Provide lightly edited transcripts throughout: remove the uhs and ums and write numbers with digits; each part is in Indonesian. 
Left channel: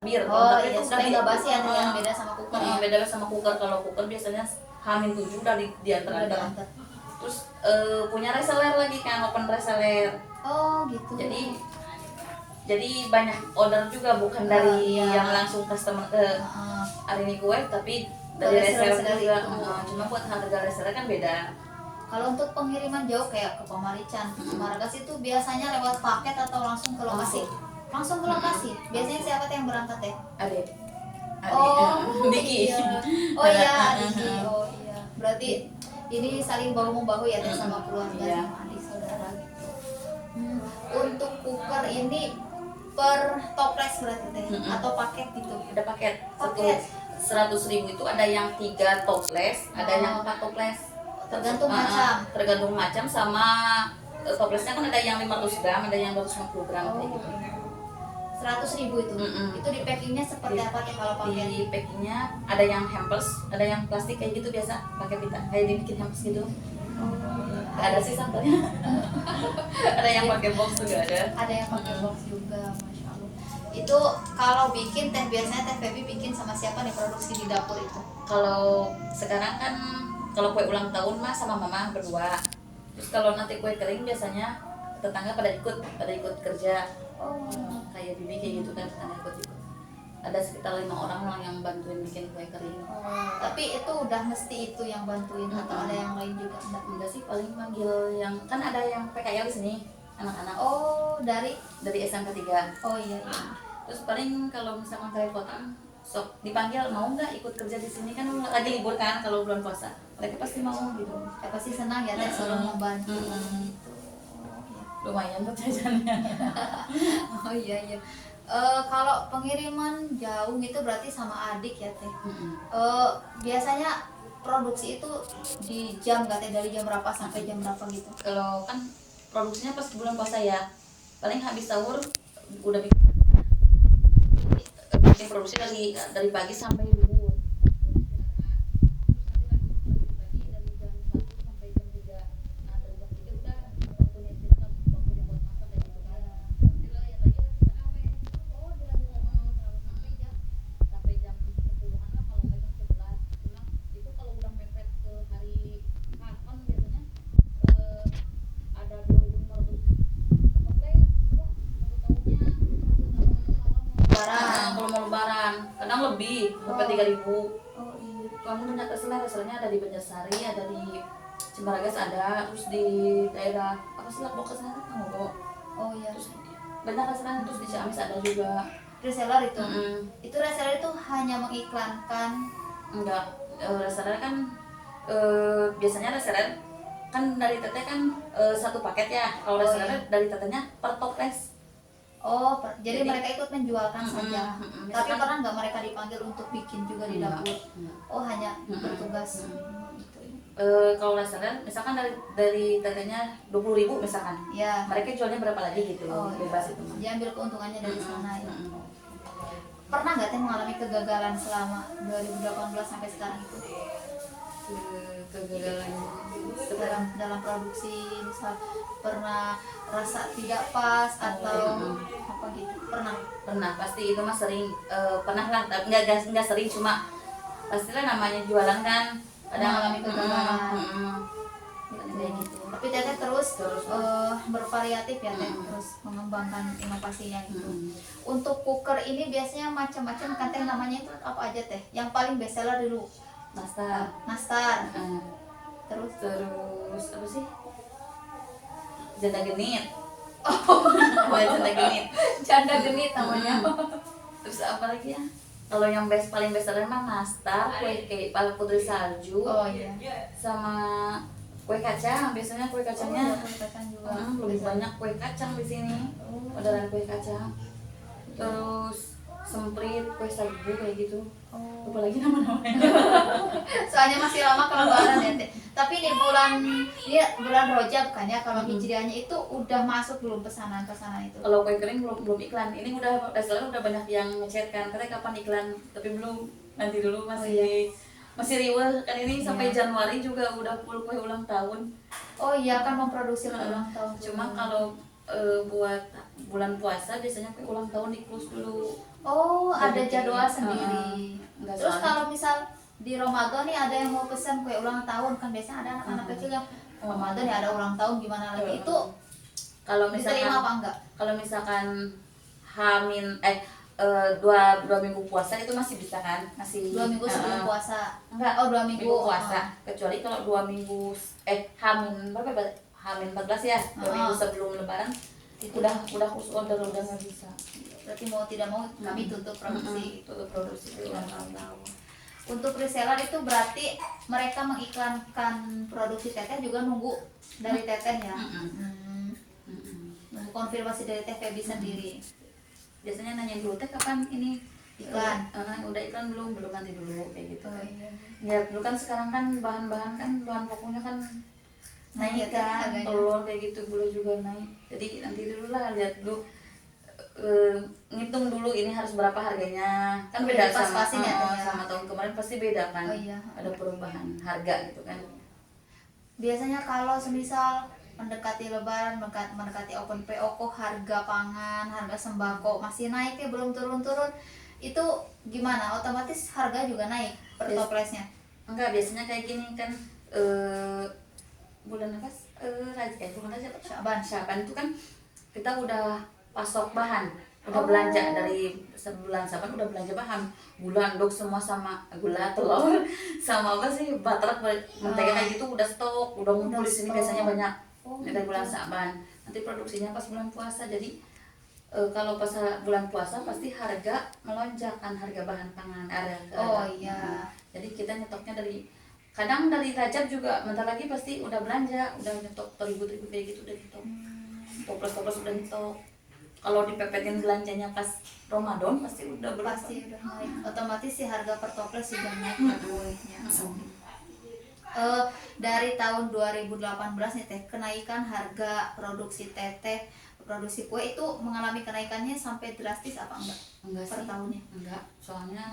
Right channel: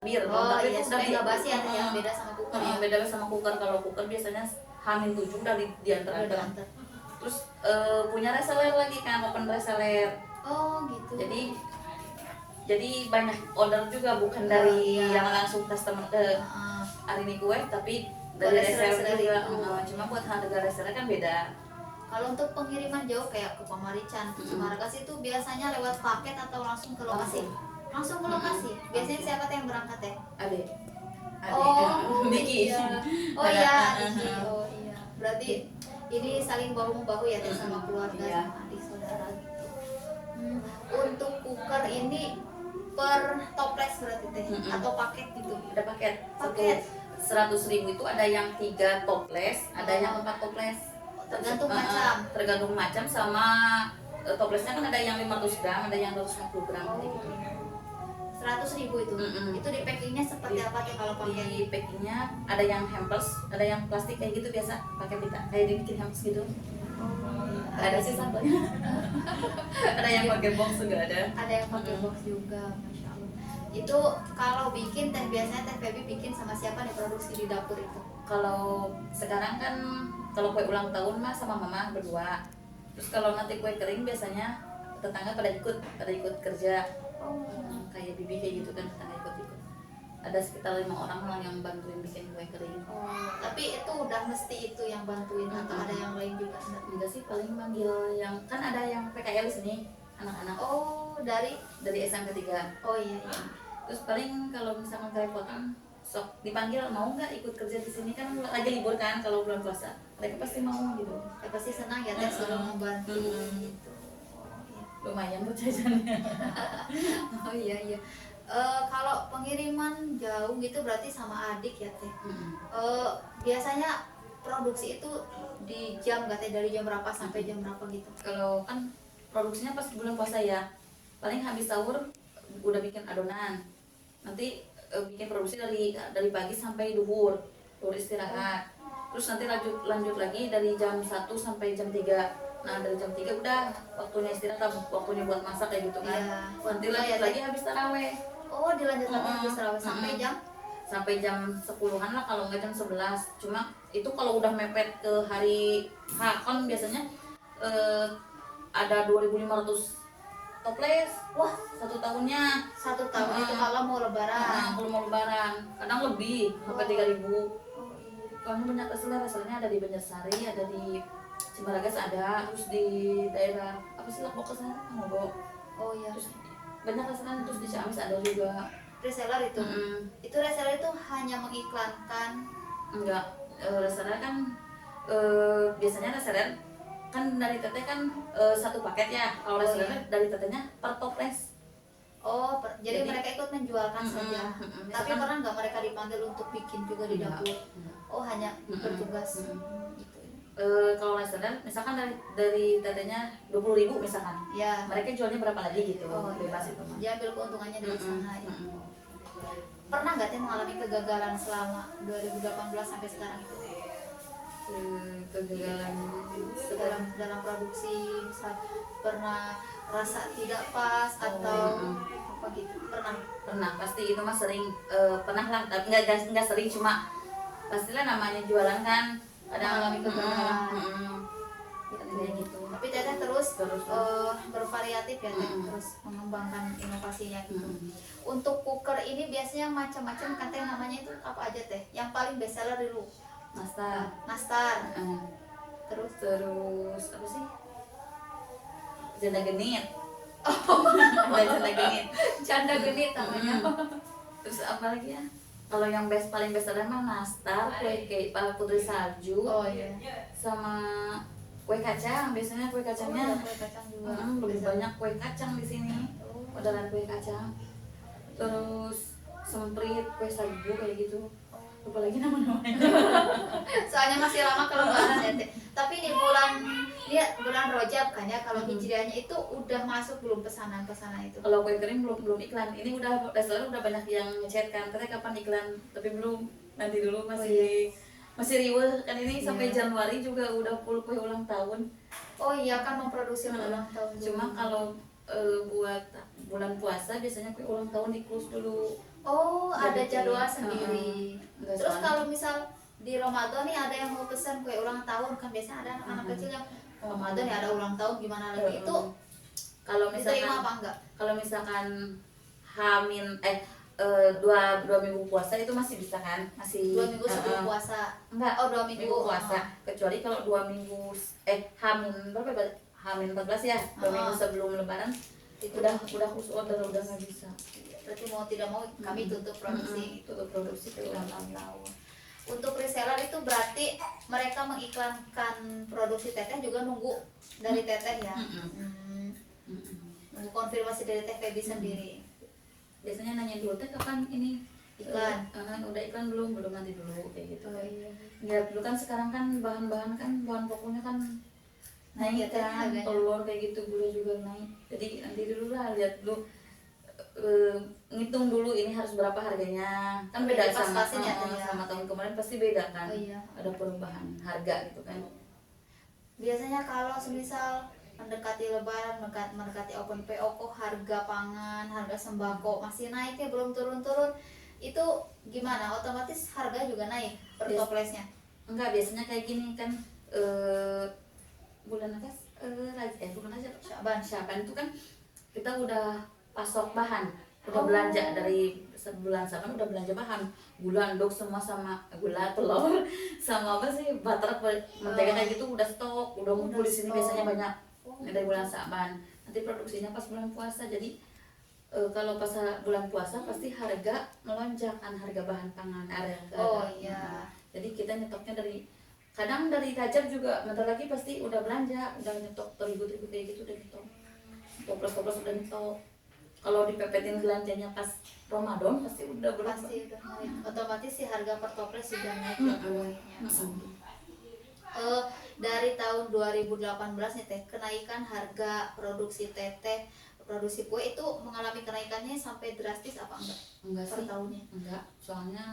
Bir, Oh tapi iya, itu udah supaya di nggak basi ya, yang beda sama cooker ya. beda sama cooker. Kalau cooker biasanya H-7 udah diantar Udah aja. diantar. Terus punya reseller lagi kan, open reseller. Oh gitu. Jadi banyak order juga, bukan dari yang langsung customer ke Arini Kue, tapi dari reseller juga. Cuma buat harga reseller kan beda. Kalau untuk pengiriman jauh kayak ke Pamarican, ke Cimaragas itu biasanya lewat paket atau langsung ke lokasi? Langsung ke lokasi. Biasanya siapa tuh yang berangkat ya? Adik. Oh, Diki. iya. Oh iya, Diki. Oh iya. Berarti ini saling bahu membahu ya Teh, sama keluarga, Iya. sama adik saudara gitu. Untuk cooker ini per toples berarti Teh, atau paket gitu? Ada paket. Paket. 100.000 itu ada yang 3 toples, ada yang 4 toples. Tergantung macam. Tergantung macam sama toplesnya kan, ada yang 500 gram, ada yang 250 gram kayak gitu. 100.000 itu. Itu di packingnya seperti apa Teh kalau paket? Di packingnya ada yang hampers, ada yang plastik kayak gitu biasa, pakai pita kayak dibikin hampers gitu. Gak ada sih sampelnya. Ada yang pakai box juga ada. Ada yang pakai box juga, masya Allah. Itu kalau bikin Teh, biasanya Teh Feby bikin sama siapa nih produksi di dapur itu? Kalau sekarang kan kalau kue ulang tahun mah sama mama berdua. Terus kalau nanti kue kering biasanya tetangga pada ikut kerja. Kayak bibi kayak gitu kan, tetangga ikut. Ada sekitar 5 orang lah yang bantuin bikin kue kering. Tapi itu udah mesti itu yang bantuin atau ada yang lain juga? Enggak sih, paling manggil yang kan ada yang PKL di sini anak-anak. Oh, dari SMP 3. Oh iya. Terus paling kalau misalkan kerepotan sok dipanggil, mau nggak ikut kerja di sini, kan lagi libur kan kalau bulan puasa, mereka pasti mau gitu. Pasti senang ya Teh selalu membantu. Lumayan buat jajannya. Oh iya. Kalau pengiriman jauh gitu berarti sama adik ya Teh. Biasanya produksi itu di jam nggak Teh, dari jam berapa sampai jam berapa gitu? Kalau kan produksinya pas bulan puasa ya, paling habis sahur udah bikin adonan, nanti bikin produksi dari pagi sampai duhur istirahat, terus nanti lanjut lagi dari jam 1 sampai jam 3. Nah dari jam 3 udah waktunya istirahat, waktunya buat masak kayak gitu kan. Nanti lanjut lagi habis taraweh. Oh, dilanjut lagi habis taraweh sampai jam 10-an lah, kalau nggak jam 11. Cuma itu kalau udah mepet ke hari kan biasanya ada 2.500 toples. Wah, satu tahunnya. Satu tahun itu kalau mau lebaran. Kalau mau lebaran kadang lebih sampai 3.000. Oh iya. Kamu banyak keselar, soalnya ada di Banjarsari, ada di Cimaragas, ada terus di daerah apa sih, Lombok sana kamu. Oh iya. Terus banyak keselar, terus di Ciamis ada juga. Reseller itu. Itu reseller itu hanya mengiklankan. Enggak, reseller kan biasanya reseller kan dari teteh kan satu paket ya. Kalau reseller dari tetehnya per toples. Oh, jadi mereka ikut menjualkan saja. Tapi pernah nggak mereka dipanggil untuk bikin juga di dapur? Oh, hanya bertugas. Kalau reseller misalkan dari tetehnya 20.000 misalkan. Ya. Mereka jualnya berapa lagi gitu. Bebas itu. Diambil keuntungannya dari sana ya. Pernah nggak Teh mengalami kegagalan selama 2018 sampai sekarang itu? Kegagalan dalam produksi, misal pernah rasa tidak pas atau apa gitu? Pernah, pasti itu mah sering. Pernah lah, tapi nggak sering, cuma pastilah namanya jualan kan kadang alami kegagalan. Kayak gitu. Tapi Teteh terus bervariatif ya Teh, terus mengembangkan inovasinya gitu. Untuk cooker ini biasanya macam-macam kan Teh, namanya itu apa aja Teh? Yang paling best seller dulu Nastar. Terus apa sih? Janda genit. Janda genit namanya. Terus apa lagi ya? Kalau yang paling best seller mah Nastar, kue cake, putri salju. Oh iya. Sama kue kacang, biasanya kue kacangnya. Kue kacang juga. Lebih banyak kue kacang di sini. Orderan kue kacang. Terus semprit, kue sagu kayak gitu. Lupa lagi nama-namanya. Soalnya masih lama kalau lebaran ya Teh. Tapi ini bulan Rajab kan ya, kalau hijriahnya itu udah masuk belum pesanan itu? Kalau kue kering belum iklan. Ini reseller udah banyak yang ngechat kan, katanya kapan iklan, tapi belum. Nanti dulu masih riweh kan, ini sampai Januari juga udah full kue ulang tahun. Oh iya, kan memproduksi ulang tahun. Cuma kalau buat bulan puasa biasanya kue ulang tahun di close dulu. Oh, ada Jadi, jadwal sendiri. Enggak, Terus soalnya- kalau misal di Ramadan nih ada yang mau pesan kue ulang tahun, kan biasanya ada anak-anak kecil yang Ramadan ya ada ulang tahun gimana lagi, itu kalau diterima apa misalkan enggak? kalau misalkan Hamin dua minggu puasa itu masih bisa kan, masih 2 minggu sebelum puasa. enggak, Oh, 2 minggu puasa, kecuali kalau 2 minggu Hamin berapa ya? Hamin 14 ya, 2 minggu sebelum lebaran Itu udah khusus order, udah nggak bisa. berarti mau tidak mau kami tutup produksi. Tutup produksi itu ulang tahun. Untuk reseller itu berarti mereka mengiklankan produksi teteh juga nunggu dari teteh ya. Nunggu konfirmasi dari teh Feby sendiri. Biasanya nanya dulu teh kapan ini Iklan. udah iklan belum nanti dulu kayak gitu. Oh, iya. Ya dulu kan sekarang kan bahan pokoknya kan naik Naik ya, kan, harganya. telur kayak gitu, gula juga naik. Jadi nanti dulu lah, lihat dulu, ngitung dulu ini harus berapa harganya, kan Udah beda dipas-pasin ya, Teh, ya? sama tahun kemarin pasti beda kan. Oh, iya. Ada perubahan harga gitu kan. Biasanya kalau semisal mendekati lebaran, mendekati open PO kok harga pangan, harga sembako masih naik ya, belum turun-turun. Itu gimana? Otomatis harga juga naik per Yes. toplesnya. Enggak, biasanya kayak gini kan, bulan apa? Bukan aja Syaban itu kan kita udah pasok bahan, udah belanja dari sebulan Syaban, udah belanja bahan, gula, anduk semua, sama gula, telur, sama apa sih, butter, mentega kayak gitu udah stok, udah ngumpul di sini stok. biasanya banyak. Oh, Dari bulan Syaban, nanti produksinya pas bulan puasa. Jadi kalau pas bulan puasa pasti harga melonjak kan, harga bahan pangan, Oh iya. jadi kita nyetoknya kadang dari Rajab juga, bentar lagi pasti udah belanja, udah nyetok terigu kayak gitu, udah nyetok, toples udah nyetok. Kalau dipepetin belanjanya pas Ramadan pasti udah berapa. Pasti udah naik. Otomatis si harga per toples juga naik ya kuenya. Dari tahun 2018 nih teh, kenaikan harga produksi teteh, produksi kue itu mengalami kenaikannya sampai drastis apa enggak per sih, tahunnya? enggak, soalnya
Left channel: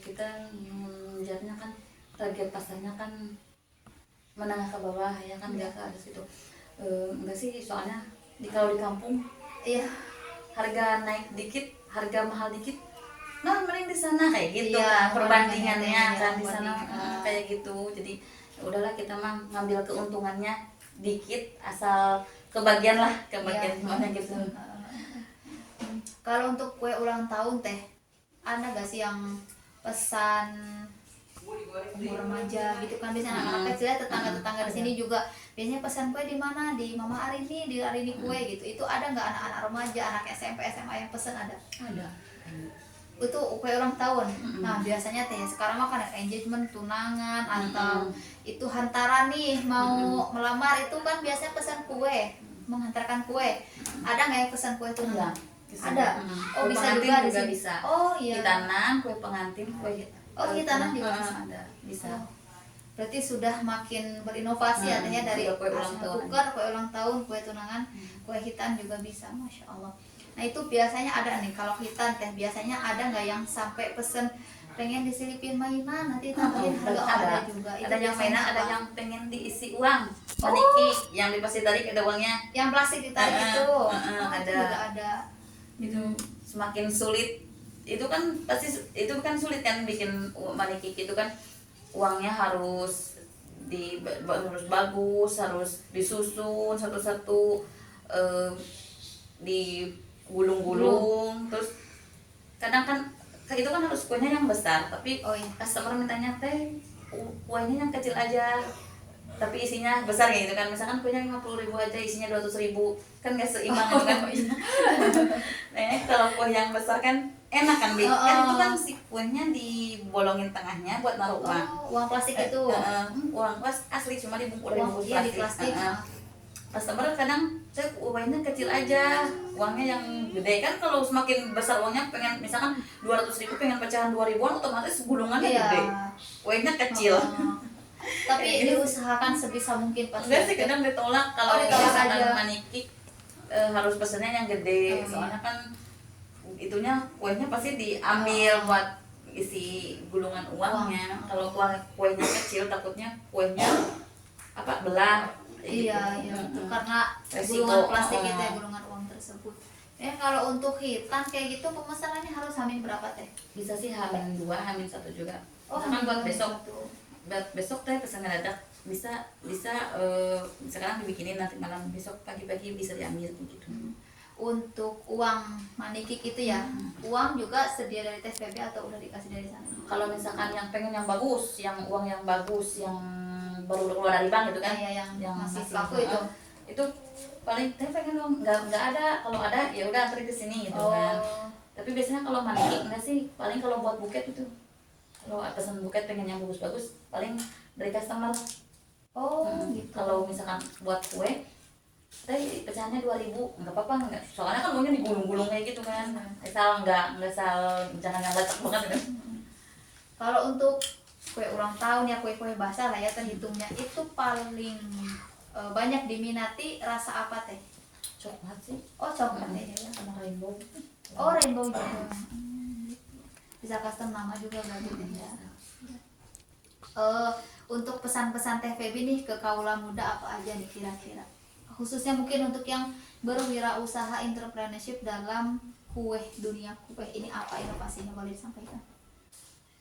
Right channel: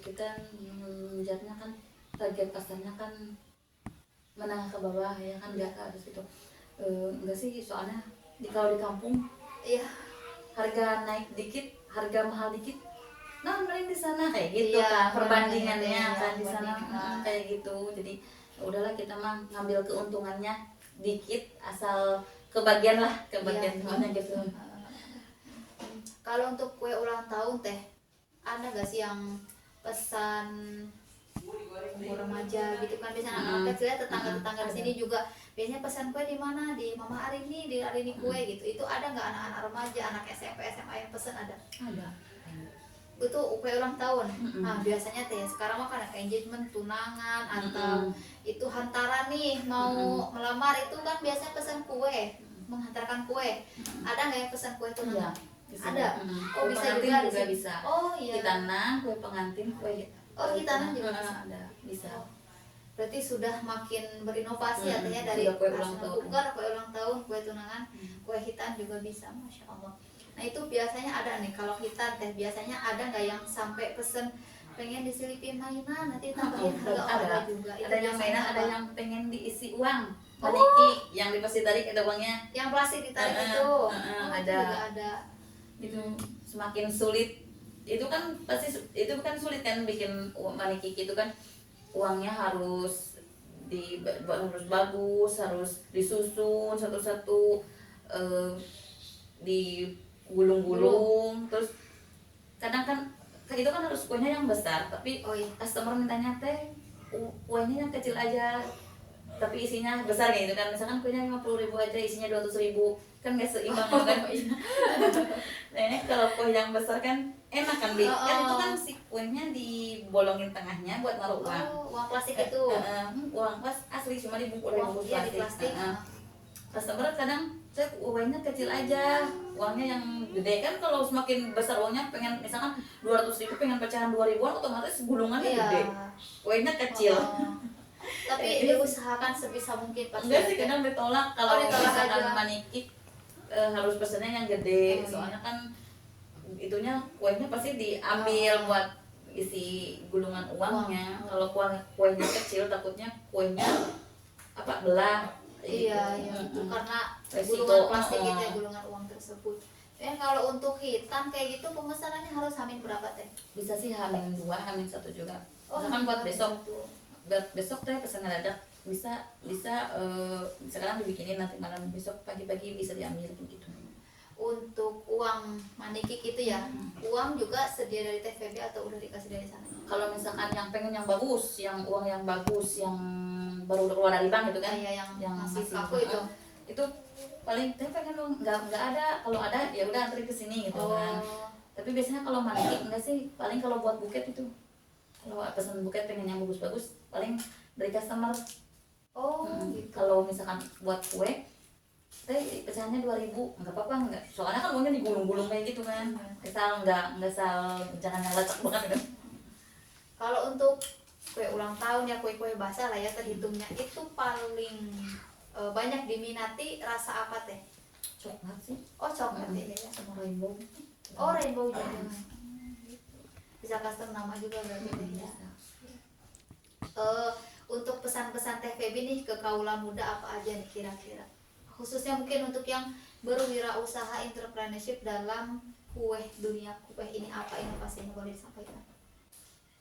kita mengejarnya kan target pasarnya kan menengah ke bawah ya kan, dia ke atas gitu. Enggak sih, soalnya kalau di kampung Iya. harga naik dikit, harga mahal dikit, nah mending di sana kayak gitu Iya, kan, perbandingannya perbandingannya, kan di sana perbandingan. kayak gitu. Jadi ya udahlah, kita mah ngambil keuntungannya dikit, asal kebagian Iya. semuanya gitu. Kalau untuk kue ulang tahun teh, ada gak sih yang pesan umur remaja gitu kan, biasanya anak-anak kecil ya, tetangga-tetangga di sini juga biasanya pesan kue di mana, di Mama Arini, di Arini kue gitu. Itu ada nggak anak-anak remaja, anak SMP, SMA yang pesan? Ada itu kue ulang tahun. Nah biasanya teh sekarang mah kan engagement, tunangan, atau itu hantaran nih mau melamar, itu kan biasanya pesan kue, menghantarkan kue. Ada nggak yang pesan kue tunangan? Ada. Oh, Kue bisa pengantin juga di juga sini. bisa. Oh iya. Hitanan, kue pengantin, kue Oh, hitanan juga bisa. ada, bisa. Oh, berarti sudah makin berinovasi artinya, dari sudah kue ulang asal tahun. kukar, kue ulang tahun, kue tunangan, kue hitan juga bisa, masya Allah. Nah itu biasanya ada nih, kalau hitan teh biasanya ada nggak yang sampai pesen pengen diselipin mainan nanti tambahin harga? Ada juga. Itu Ada yang biasanya mainan, ada apa? yang pengen diisi uang, meniki, yang dipasti tarik ada uangnya. Yang plastik ditarik itu. Oh, ada. itu juga ada. Itu semakin sulit, itu kan pasti, itu kan sulit kan bikin maniki itu kan, uangnya harus harus bagus, harus disusun satu-satu, digulung-gulung. Terus kadang kan itu kan harus kuenya yang besar, tapi Oh iya. customer mintanya teh kuenya yang kecil aja tapi isinya besar kayak gitu kan. Misalkan kuenya 50.000 aja, isinya 200.000, kan gak seimbang gitu kan. Nah kalau kue yang besar kan enak kan, kan itu kan si kuenya dibolongin tengahnya buat naruh uang. Uang plastik itu. Uang asli cuma dibungkus Uang iya di plastik. Customer kadang saya uangnya kecil aja, uangnya yang gede kan. Kalau semakin besar uangnya, pengen misalkan 200.000 pengen pecahan 2.000-an, otomatis gulungannya gede, uangnya kecil. Tapi diusahakan sebisa mungkin pasti. Enggak sih, kadang ditolak kalau ditolak misalkan aja. maniki harus pesennya yang gede. Soalnya kan itunya kuenya pasti diambil buat isi gulungan uangnya. Kalau kuenya kecil takutnya kuenya belah. Iya, iya, itu karena Resiko. gulungan plastik itu ya, gulungan uang tersebut. Ya kalau untuk hitam kayak gitu pemesanannya harus hamin berapa teh? Bisa sih H-2, H-1 juga. Oh, Misalkan buat hamin besok, satu. besok teh pesan ngedadak, bisa sekarang dibikinin, nanti malam, besok pagi-pagi bisa diambil gitu. Untuk uang manikik itu ya, uang juga sedia dari TVB atau udah dikasih dari sana? Kalau misalkan yang pengen yang bagus, yang uang yang bagus, yang baru keluar dari bank gitu kan, Iya, yang masih kaku itu paling teh pengen dong, nggak ada, kalau ada ya udah antri ke sini gitu kan. Tapi biasanya kalau manikik enggak sih, paling kalau buat buket itu, kalau pesan buket pengen yang bagus-bagus, paling dari customer. Gitu. Kalau misalkan buat kue teh pecahannya 2.000, nggak apa-apa, nggak, soalnya kan uangnya digulung-gulung kayak gitu kan. Asal nggak jangan yang letak banget kan. Kalau untuk kue ulang tahun ya, kue-kue basah lah ya terhitungnya, itu paling banyak diminati rasa apa teh? Coklat sih. Oh, coklat ya, ya. Sama rainbow. Oh, rainbow juga. Bisa custom nama juga berarti teh ya. Untuk pesan-pesan Teh Feby nih ke kaula muda apa aja nih kira-kira? Khususnya mungkin untuk yang berwirausaha entrepreneurship dalam kue, dunia kue ini, apa inovasinya boleh disampaikan?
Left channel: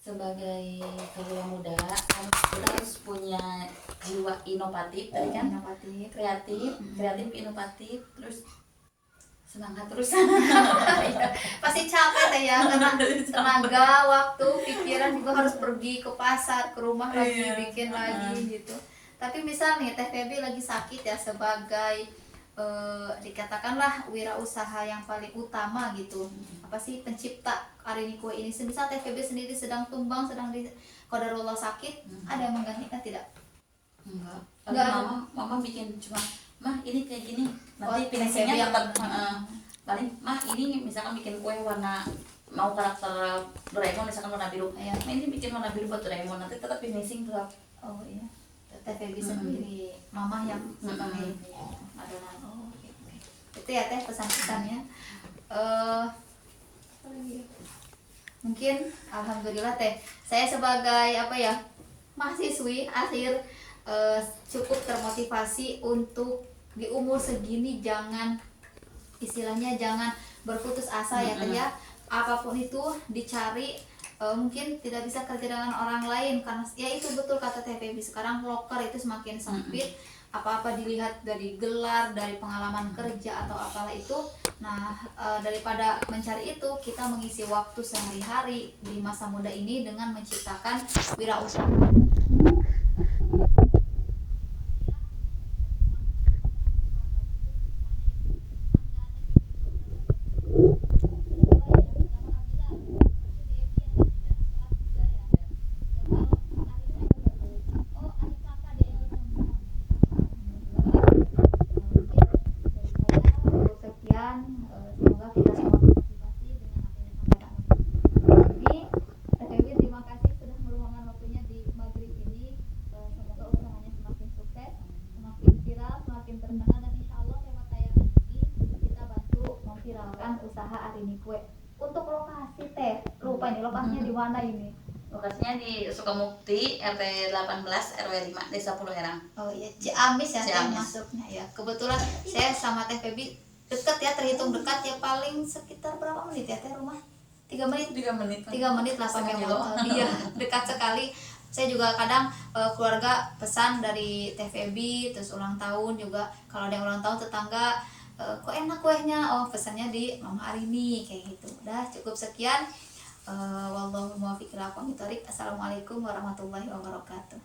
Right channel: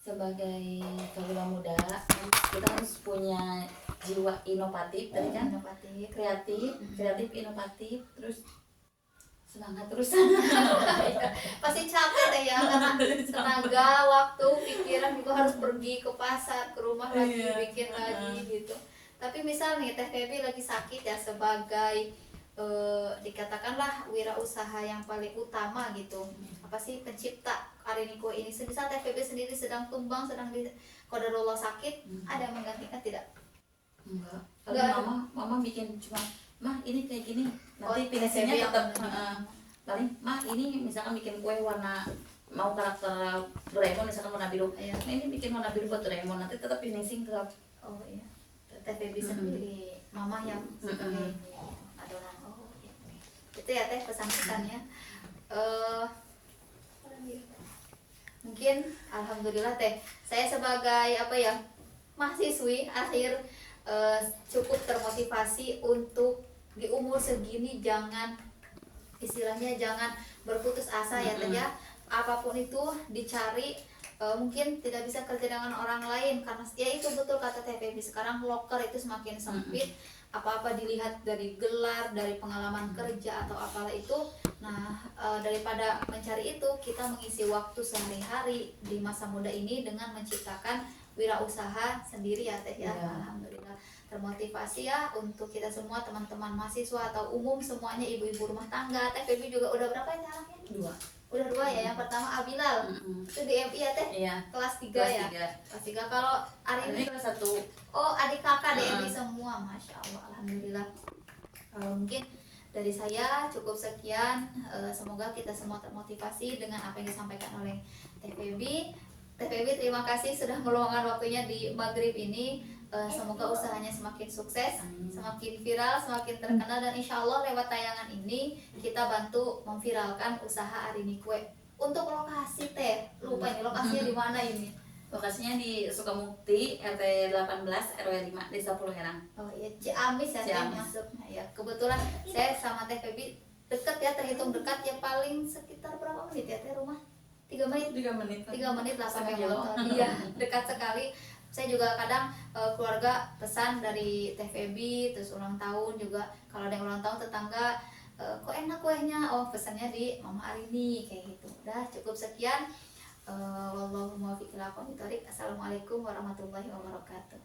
Sebagai kaula muda kita harus punya jiwa inovatif tadi kan, Inovatif. kreatif inovatif, terus semangat terus. Pasti capek deh ya, karena tenaga, waktu, pikiran juga harus pergi ke pasar, ke rumah lagi, bikin lagi gitu. Tapi misal nih Teh Feby lagi sakit ya, sebagai dikatakanlah wirausaha yang paling utama gitu, apa sih, pencipta Arini Kue ini, semisal Teh Feby sendiri sedang tumbang, sedang di qadarullah sakit, ada yang menggantikan tidak? Enggak. Mama bikin cuma, mah ini kayak gini, nanti finishingnya tetap paling mah ini misalkan bikin kue warna, mau karakter Doraemon misalkan warna biru, Iya. nah ini bikin warna biru buat Doraemon, nanti tetap finishing tetap. Oh iya, Teh Feby sendiri, mama yang sebagai adonan. Oh oke. Itu ya Teh pesan-pesannya. Mungkin alhamdulillah Teh, saya sebagai apa ya, mahasiswi akhir cukup termotivasi untuk di umur segini jangan, istilahnya jangan berputus asa ya Teh ya. Apapun itu dicari, mungkin tidak bisa kerja dengan orang lain karena ya itu betul kata Teh Feby, sekarang loker itu semakin sempit, apa-apa dilihat dari gelar, dari pengalaman kerja atau apalah itu. Nah, daripada mencari itu, kita mengisi waktu sehari-hari di masa muda ini dengan menciptakan wirausaha sendiri ya Teh ya. Alhamdulillah termotivasi ya untuk kita semua, teman-teman mahasiswa atau umum semuanya, ibu-ibu rumah tangga. Teh Feby juga udah berapa ya sekarang? Udah 2 ya. Yang pertama Abilal itu di MI ya Teh, kelas 3 ya. Kelas 3. Kalau Arini kelas 1. oh, adik kakak di MI semua, masya Allah, alhamdulillah. Mungkin dari saya cukup sekian. Semoga kita semua termotivasi dengan apa yang disampaikan oleh Teh Feby. Teh Feby, terima kasih sudah meluangkan waktunya di maghrib ini. Semoga usahanya semakin sukses, semakin viral, semakin terkenal, dan insya Allah lewat tayangan ini kita bantu memviralkan usaha Arini Kue. Untuk lokasi Teh, lupa ini lokasinya di mana ini? Lokasinya di Sukamukti, RT 18 RW 5, Desa Pulau Herang. Oh iya, Ciamis ya Teh Ciamis. masuknya ya. Kebetulan saya sama Teh Feby dekat ya, terhitung dekat ya, paling sekitar berapa menit ya Teh rumah? 3 menit. 3 menit. 3 menit lah pakai Setengah motor. Iya, dekat sekali. Saya juga kadang keluarga pesan dari Teh Feby, terus ulang tahun juga, kalau ada yang ulang tahun tetangga, kok enak kuehnya, oh pesannya di Mama Arini kayak gitu. Udah cukup sekian. Wallahu muwaffiq ila aqwamit thoriq. Assalamualaikum warahmatullahi wabarakatuh.